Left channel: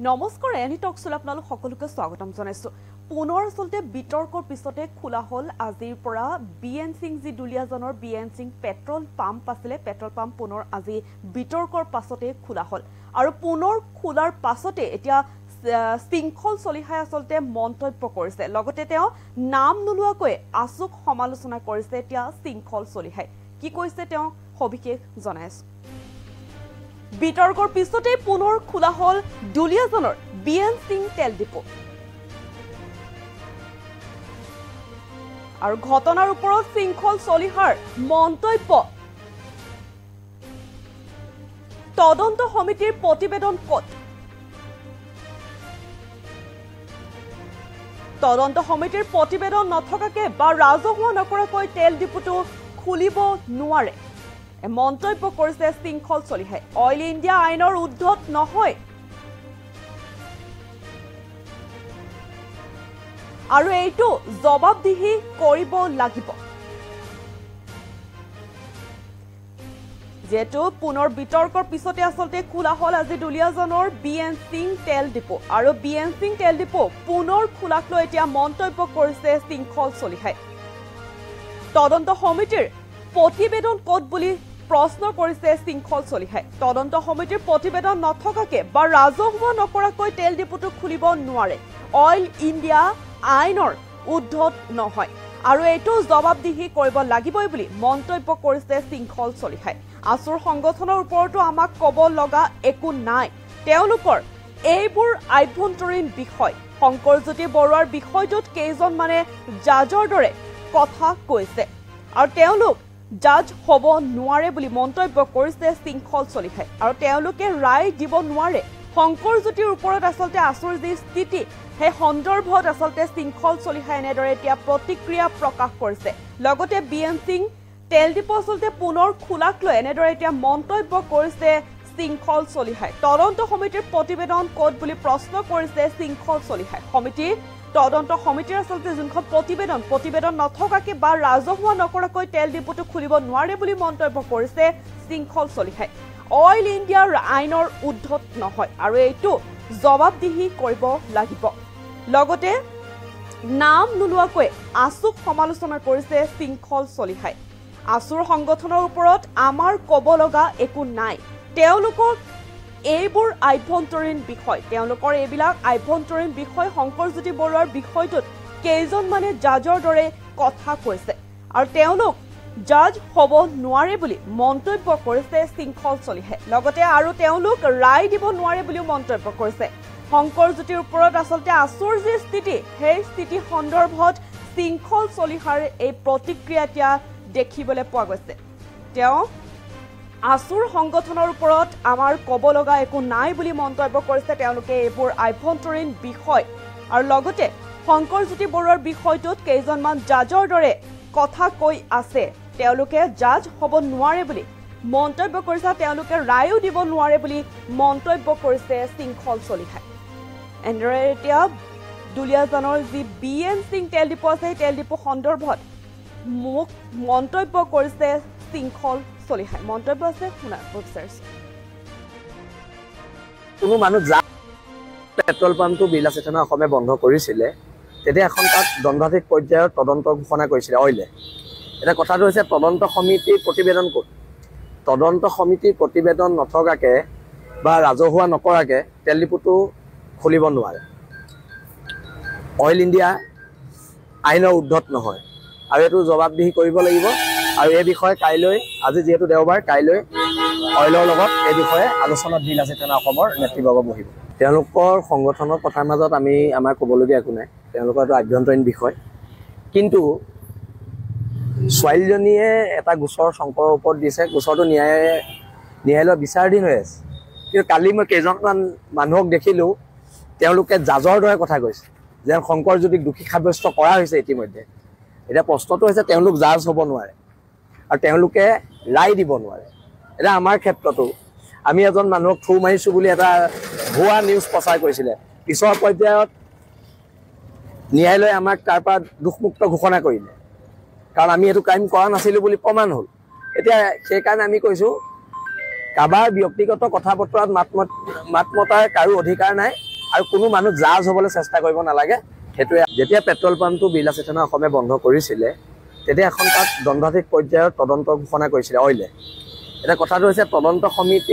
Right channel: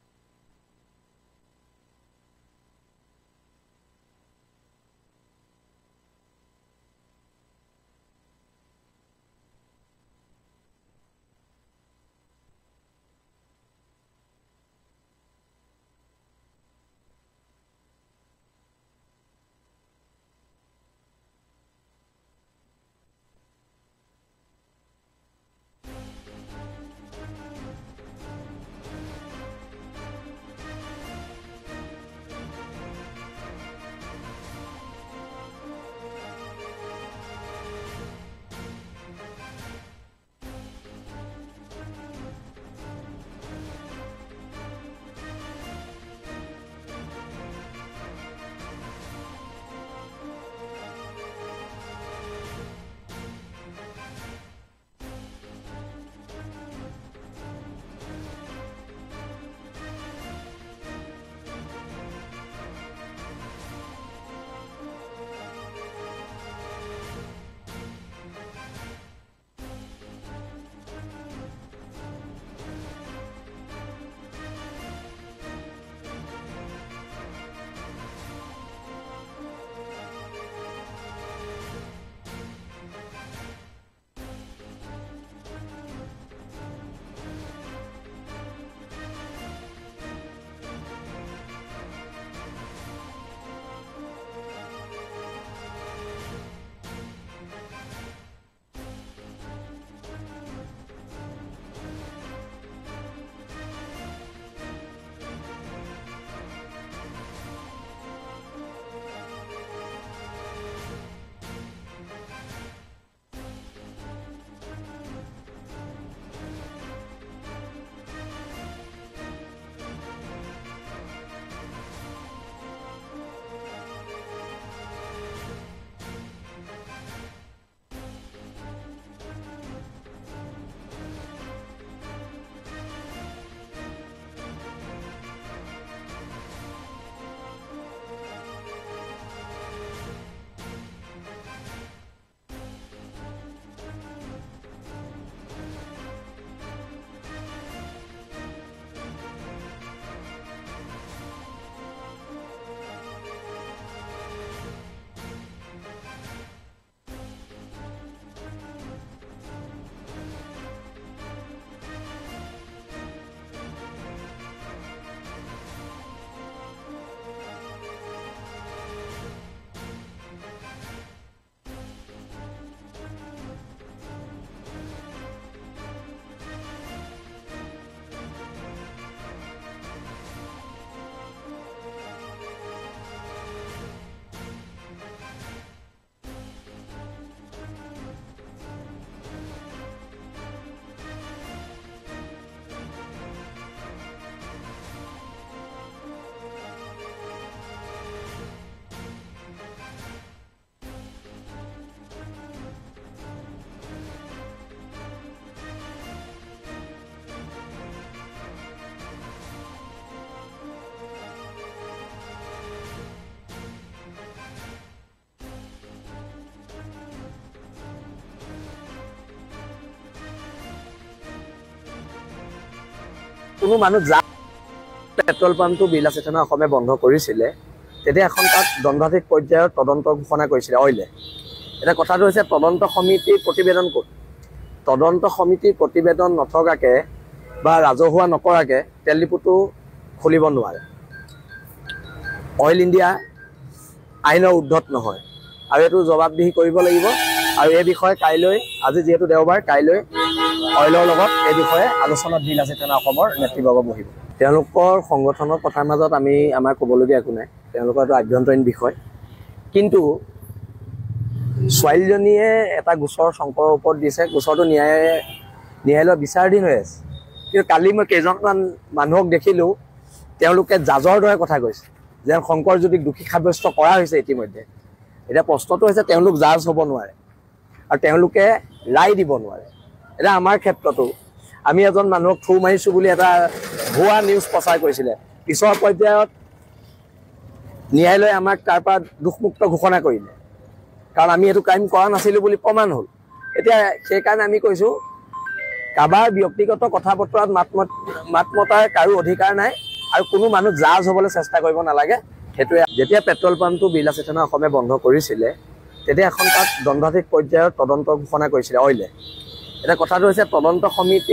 নমস্কাৰ এনি টকছল আপোনালোক সকলোকে স্বাগতম জনাইছো পুনৰ আসলতে বিতৰ্কৰ পিছতে খোলা হল আজিৰ পৰা বিএন সিং জি দুলিয়াজনৰ বিএন সিং পেট্ৰল পাম্প আছিলে পেট্ৰল পাম্প পুনৰ আজি বিতৰ্কৰ পাছতে খোলা হল আৰু পুনৰ খোলাৰ পাছতে এতিয়া শৃংখল চলিহাই আসলতে মন্তব্য কৰিছে লগতে তেওঁ নাম নোলোৱাকৈ আচুক সমালোচনা কৰিছে এতিয়া শৃংখল চলিহাই কি কৈছে তেওঁ সবিশেষ জনাইছে বিতৰ্কৰ পিছতে পুনৰ খোলা হল দুলিয়াজনৰ বিএন সিং তেল ডিপো আৰু ঘটনাৰ ওপৰত শৃংখল চলিহাৰ মন্তব্য তদন্ত সমিতিৰ প্ৰতিবেদন কত তদন্ত সমিতিৰ প্ৰতিবেদন নথকাকে বা ৰাজহুৱা নকৰাকৈ তেল ডিপোটো খুলিব নোৱাৰে মন্তব্য কৰিছে শৃংখল চলিহাই অইল ইণ্ডিয়া আইনৰ উদ্ধত নহয় আৰু এইটো জবাবদিহি কৰিব লাগিব যেটো পুনৰ বিতৰ্কৰ পিছতে আসলতে খোলা হল আজি দুলিয়াজনৰ বিএন সিং তেল ডিপো আৰু বিএন সিং তেল ডিপো পুনৰ খোলাক লৈ এতিয়া মন্তব্য কৰিছে শৃংখল চলিহাই তদন্ত সমিতিৰ প্ৰতিবেদন কত বুলি প্ৰশ্ন কৰিছে শৃংখল চলিহাই তদন্ত সমিতিৰ প্ৰতিবেদন নথকাকে বা ৰাজহুৱা নকৰাকৈ তেল ডিপোটো খুলিব নোৱাৰে অইল ইণ্ডিয়া আইনৰ উদ্ধত নহয় আৰু এইটো জবাবদিহি কৰিব লাগিবই বুলি মন্তব্য কৰিছে শৃংখল চলিহাই আসুৰ সংগঠনৰ ওপৰতো আমাক ক'ব লগা একো নাই তেওঁলোকৰ এইবোৰ আভ্যন্তৰীণ বিষয় শংকৰজ্যোতি বৰুৱাৰ বিষয়টোত কেইজন মানে জাজৰ দৰে কথা কৈছে আৰু তেওঁলোক জাজ হ'ব নোৱাৰে বুলি মন্তব্য কৰিছে শৃংখল চলিহাই আৰু তেওঁলোকে ৰায় দিব নোৱাৰে শংকৰজ্যোতিৰ ওপৰত আসলতে আসুৰ যি স্থিতি সেই সন্দৰ্ভত আসলতে শৃংখল চলিহাই এনেদৰে এতিয়া প্ৰতিক্ৰিয়া প্ৰকাশ কৰিছে লগতে বিএন সিং তেল ডিপো আসলতে পুনৰ খোলাক লৈ এনেদৰে এতিয়া মন্তব্য কৰিছে শৃংখল চলিহাই তদন্ত সমিতিৰ প্ৰতিবেদন কত বুলি প্ৰশ্ন কৰিছে শৃংখল চলিহাই সমিতি তদন্ত সমিতিৰ আসলতে যোনখন প্ৰতিবেদন নথকাকে বা ৰাজহুৱা নকৰাকৈ তেল ডিপোটো খুলিব নোৱাৰে বুলি মন্তব্য কৰিছে শৃংখল চলিহাই অইল ইণ্ডিয়াৰ আইনৰ উদ্ধত নহয় আৰু এইটো জবাবদিহি কৰিব লাগিব লগতে নাম নোলোৱাকৈ আচুক সমালোচনা কৰিছে শৃংখল চলিহাই আসুৰ সংগঠনৰ ওপৰত আমাৰ ক'ব লগা একো নাই তেওঁলোকক এইবোৰ আভ্যন্তৰীণ বিষয় তেওঁলোকৰ এইবিলাক আভ্যন্তৰীণ বিষয় শংকৰজ্যোতি বৰুৱাৰ বিষয়টোত কেইজন মানে জাজৰ দৰে কথা কৈছে আৰু তেওঁলোক জাজ হ'ব নোৱাৰে বুলি মন্তব্য কৰিছে শৃংখল চলিহাই লগতে আৰু তেওঁলোক ৰায় দিব নোৱাৰে বুলি মন্তব্য কৰিছে শংকৰজ্যোতিৰ ওপৰত আসলতে আসুৰ যি স্থিতি সেই স্থিতি সন্দৰ্ভত শৃংখল চলিহাৰ এই প্ৰতিক্ৰিয়া এতিয়া দেখিবলৈ পোৱা গৈছে তেওঁ আসুৰ সংগঠনৰ ওপৰত আমাৰ ক'ব লগা একো নাই বুলি মন্তব্য কৰিছে তেওঁলোকে এইবোৰ আভ্যন্তৰীণ বিষয় আৰু লগতে শংকৰজ্যোতি বৰুৱাৰ বিষয়টোত কেইজনমান জাজৰ দৰে কথা কৈ আছে তেওঁলোকে জাজ হ'ব নোৱাৰে বুলি মন্তব্য কৰিছে তেওঁলোকে ৰায়ো দিব নোৱাৰে বুলি মন্তব্য কৰিছে শৃংখল চলিহাই এনেদৰে এতিয়া দুলিয়াজনৰ যি বিএন সিং তেল ডিপো আছে তেল ডিপো সন্দৰ্ভত মোক মন্তব্য কৰিছে শৃংখল চলিহাই মন্তব্য আছে শুনা বিচাৰিছো কোনো মানুহ যা পেট্ৰল পাম্পটো বিলাসিতানা অসমে বন্ধ কৰিছিলে তেতিয়া এখন তাত দণ্ডাধীশ পৰ্যায়ৰ তদন্ত ঘোষণা কৰিছিলে অইলে এটা কথাটো হৈছে তদন্ত সমিতিৰ প্ৰতিবেদন ক'ত তদন্ত সমিতিৰ প্ৰতিবেদন নথকাকে বা ৰাজহুৱা নকৰাকে তেল ডিপোটো খুলিব নোৱাৰে অইল ইণ্ডিয়া আইনৰ উদ্ধত নহয় আৰু এইটো জবাবদিহি কৰিব লাগিব আৰু এই বিষয়ে কাইলৈ আজি যেহেতু দেওবাৰ কাইলৈ অইলৰ লগত এই বিষয়ে আলোচনাত বিলাসিতানা অসমৰ নেতৃবৰ্গ বহিব তেওঁলোকৰ সংগঠনৰ কথাৰ মাজত আমাৰ ক'বলগীয়া একো নাই তেওঁলোকৰ এটা আভ্যন্তৰীণ বিষয় কিন্তু ছোৱালীজনীয়ে এটা গোচৰ শংকৰৰ ওপৰত দিছে গোচৰটো ন্যায়ালয়ৰ বিচাৰাধীন হৈ আছে কিন্তু কালি মই কেইজনমান মানুহক দেখিলোঁ তেওঁলোকে জাজৰ দৰে কথা কৈছে যেন শংকৰজ্যোতিক দোষী সাব্যস্ত কৰা হৈছে ইতিমধ্যে এতিয়া প্ৰশ্নটো হৈছে তেওঁলোক জাজ হ'ব নোৱাৰে আৰু তেওঁলোকে ৰায় দিব নোৱাৰে এতিয়া আমাৰ ক্ষেত্ৰতো আমি এজন মানুহক থু মাৰিছোঁ বুলি এটা ভুৱা নিউজ প্ৰচাৰ কৰিছিলে পিছৰ পৰ্যায়ত ন্যায়ালয়ে আমাক তাৰ পৰা দোষমুক্ত ঘোষণা কৰিলে কাৰণ আমি এইটো ক্ৰাইম কৰা নাছিলোঁ বুলি প্ৰমাণ হ'ল এতিয়া সেইকাৰণে আমি কৈছোঁ কাৰোবাৰ ব্যক্তিগত কথা বতৰাত মাত মতাৰ কাৰো অধিকাৰ নাই আৰু কোনো মানুহ জাজ হ'বলৈ চেষ্টা কৰিব নালাগে। সেইটোৱে যেতিয়া পেট্ৰল পাম্পটো বিৰলা চেতনা অসমে বন্ধ কৰিছিলে তেতিয়া এখন তাত দণ্ডাধীশ পৰ্যায়ৰ তদন্ত ঘোষণা কৰিছিলে অইলে। এতিয়া কথাটো হৈছে তদন্ত সমিতি